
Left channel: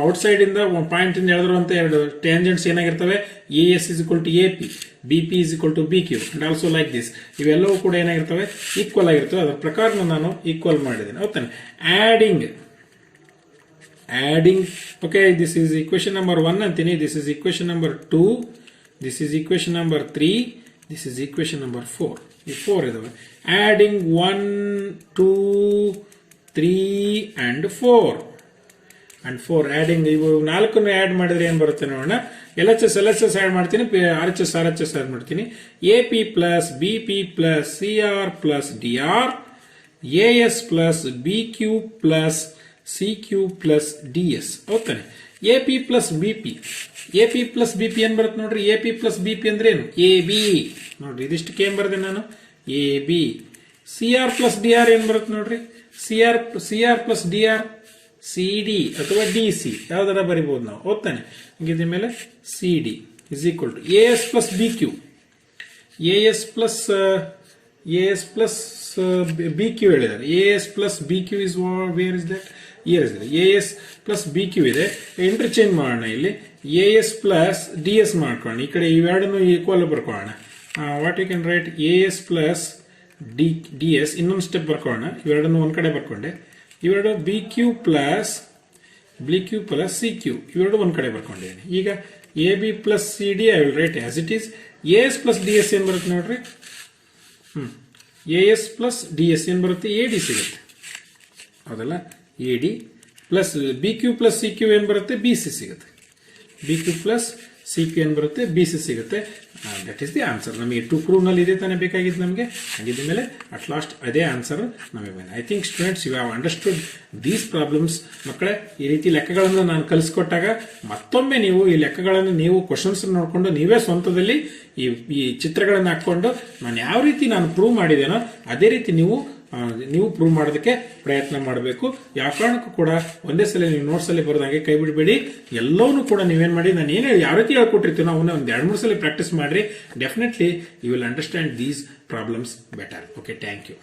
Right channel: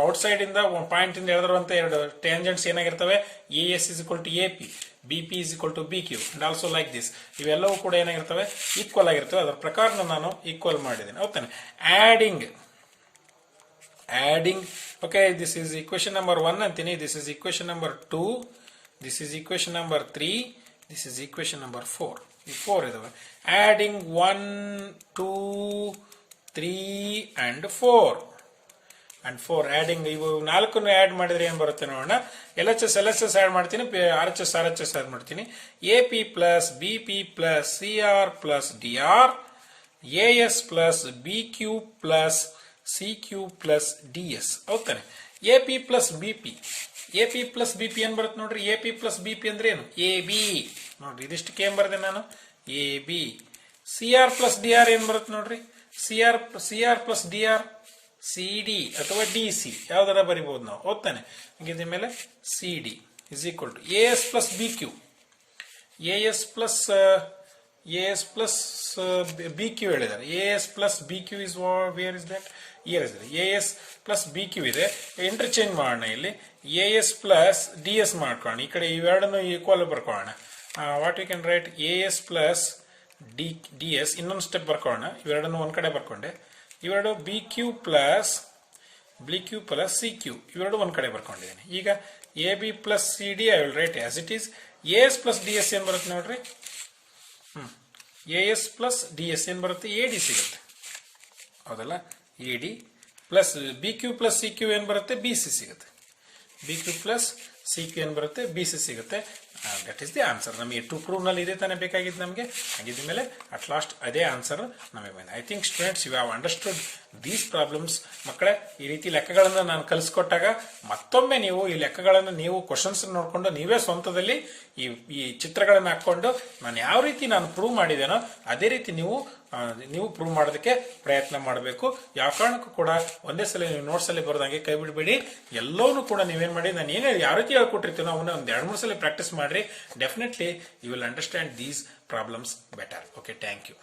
outside ಇಂದ point ಇಂದ ಎಳೆದಿರುವಂತ ಎರಡು tangents ಏನಾಗಿರ್ತವೆ? AS is equal to AP, BP is equal to BQ and also like this. ಇವೆಲ್ಲವೂ ಕೂಡ ಏನಾಗಿರ್ತವೆ? Equal ಆಗಿರ್ತವೆ. ಅದರ ಪ್ರಕಾರ ನಾನು ಈಕ್ವಲ್ ಮಾಡಿದ್ದೇನೆ. ಹೌದಾನೆ? adding okay, this is equation number 1 ಅಂತೀನಿ, this is equation number 2, this is equation number 3, this is equation number 4. ಈ 4 ಇದಾವೆ. adding 1 2 3 and 4 adding ಇವು ನಾಲ್ಕನ್ನು ಆಡ್ ಮಾಡಿದ್ರೆ ಏನು ಬರುತ್ತೆ ನೋಡೋಣ. LHS ಆಡ್ ಮಾಡ್ತೀನಿ, RHS ಆಡ್ ಮಾಡ್ತೀನಿ. AP plus BP plus CR plus DR, AS plus BQ plus CQ plus DS. ಹೌದಾನೆ? AP plus BP ಏನ್ ಬರುತ್ತೆ ನೋಡ್ರಿ? AP plus BP ಅಂದ್ರೆ ಏನು? AB ನೋಡ್ರಿ, ಇದಿಷ್ಟಕ್ಕೆ ಏನ್ ಬರೆದೆ ನಾನು? AB. CR plus DR ಏನ್ ಬರುತ್ತೆ ನೋಡ್ರಿ? CR plus DR CD ಅಥವಾ DC ಯಾವ್ದಾರ ಬರಿಬಹುದು ನಾವು. ಹೌದಾನೆ? ಹೀಗಿದ ಮೇಲೆ CD is equal to AS plus BQ. AS plus BQ ಹೇಳಿದ್ದಾರೆ. AS plus BQ is where is that? AS plus BQ ಇದೆ. ಇಂಟರ್ಚೇಂಜ್ ಮಾಡೋಣ. ಇಲ್ಲಿ AS plus DS ಮಾಡ್ಕೊಳ್ಳೋಣ. ಈ ಕಡೆ ಇವೆರಡನ್ನು ಈಕ್ವಲ್ ಬರ್ಕೊಳ್ಳೋಣ. What you can write? AS plus DS ಇನ್ನೊಂದು ಸ್ಟೆಪ್ ಬರ್ಕೊಳ್ಳೋಣ. ಇವೆರಡನ್ನು ಒಂದ್ ಕಡೆ ಬರ್ಕೊಂಡೆ. ಇವೆರಡು BQ plus CQ ಇವೆರಡು ಒಂದ್ ಕಡೆ ಬರ್ಕೊಂಡಿದ್ದೀನಿ. ಈಗ AB plus CD I will right as it is. AS plus DS ಏನ್ ಬರುತ್ತೆ ನೋಡ್ರಿ? AS plus DS ಏನ್ ಬರುತ್ತೆ? AD ಸಿಗುತ್ತೆ. ಹೌದಲ್ಲ? AD plus BQ plus CQ ಏನ್ ಬರುತ್ತೆ? BC ಸಿಗುತ್ತೆ. BQ plus CQ ಏನ್ ಬರುತ್ತೆ? BC ಸಿಗುತ್ತೆ. That is the answer. ನಮಗೆ 2 ಪ್ರೂವ್ ನಲ್ಲಿ ಇದೆ ತಾನೇ ಬೇಕಾಗಿದ್ದು ನಮಗೆ. ಹಾಗಿದ್ದ ಮೇಲೆ ಅಟ್ ಲಾಸ್ಟ್ ಅದೇ ಆನ್ಸರ್ ನಮಗೆ ಬಂದಿದೆ. I think students you have understood these problems. ಮಕ್ಕಳೇ, ಈ ರೀತಿ ಲೆಕ್ಕಗಳನ್ನು ನಾನು ಕಲಿಸ್ಕೊಟ್ಟಾಗ ಮತ್ತೊಮ್ಮೆ ನೀವು ಈ ಲೆಕ್ಕಗಳನ್ನು ನೀವು ಕ್ವಶನ್ಸ್ ನೋಡಿಕೊಂಡು ನೀವೇ ಸ್ವಂತದಲ್ಲಿ ಈ ಚಿತ್ರಗಳನ್ನು ಹಾಕೊಂಡು ನಾನು ಯಾವ ರೀತಿ ನಾನು ಪ್ರೂವ್ ಮಾಡಿದ್ದೇನೋ ಅದೇ ರೀತಿ ನೀವು ಪ್ರೂವ್ ಮಾಡೋದಕ್ಕೆ ಪ್ರಯತ್ನ ಮಾಡಬೇಕು. ಯಾವ ಕಾರಣಕ್ಕೂ ಕೂಡ ಒಂದೇ ಸಲ ನೀವು ನೋಟ್ಸ್ ಅಲ್ಲಿ ಬರೋದಾಗೆ ಕೈ ಬಿಡಬೇಡಿ. ಎಲ್ಲವನ್ನೂ ಕೂಡ ನೀವೇನ್ ಮಾಡಿ, ನಾನು ಏನೇ ಯಾವ ರೀತಿ ಹೇಳ್ಕೊಟ್ಟಿರ್ತೀನೋ ಅವನ್ನ ಒಂದ್ 2-3 ಸಲ ಪ್ರಾಕ್ಟೀಸ್ ಮಾಡ್ರಿ. Definitely you will understand these problems better. Okay, thank you.